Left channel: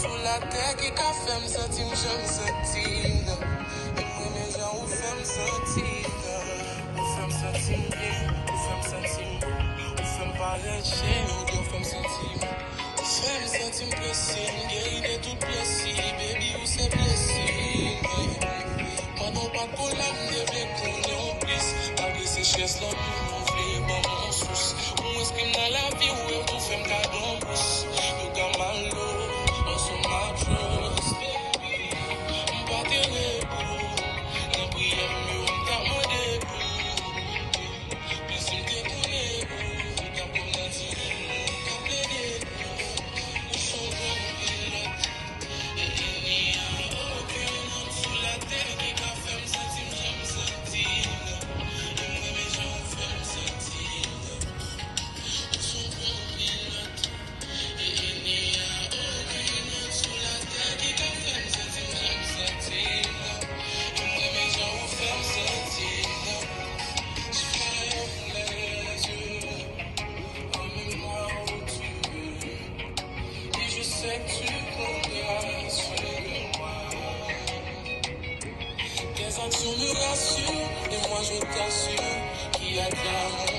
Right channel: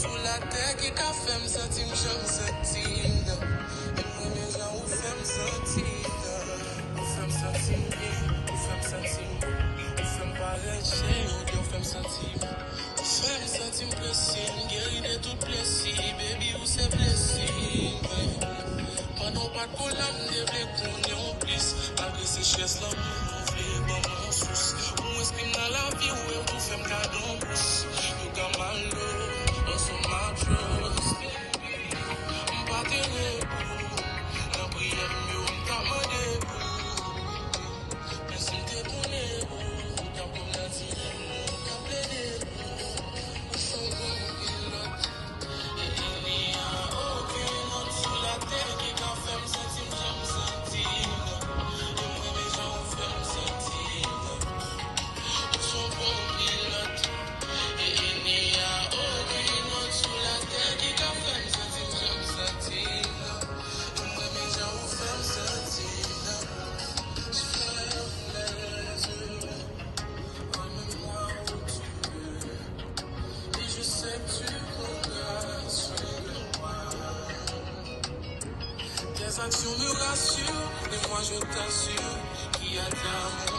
Sous la terre qui t'a fait me sentir, je me sentir. Et moi, les gens, on fait me sentir. On fait me sentir bien, on fait me sentir beau. On fait me parler chez nous, on fait me sentir. On fait me sentir blessé, guérir de tout blessé. Baby, vous c'est blessé. Pendant pas de problème, j'ai des pognons plus. Avec ces chefs, là, nous, on fait mon souci. On exprime dans la vie, où est tout fait me cadeau en plus. Nous, comme malo, on se marche. On part de l'ébout. N'a prière, mieux, on commande l'ébout. Mais si t'es pour l'ébout, t'as pour la dire, t'as plaidé. Nous sommes bons pilotes. Et il n'y a aucun homme sous la terre qui t'a fait me sentir, me sentir. Et moi, mes gens fait me sentir. Nous sommes bons pilotes. Et il n'y a aucun homme sous la terre qui t'a fait me sentir, me sentir. Et moi, mes gens fait me sentir. Je ferme les yeux, emmène-moi où tu veux. Et je sais que tu compteras sur moi. Tes actions me rassurent, et moi je t'assure qu'il y a de l'amour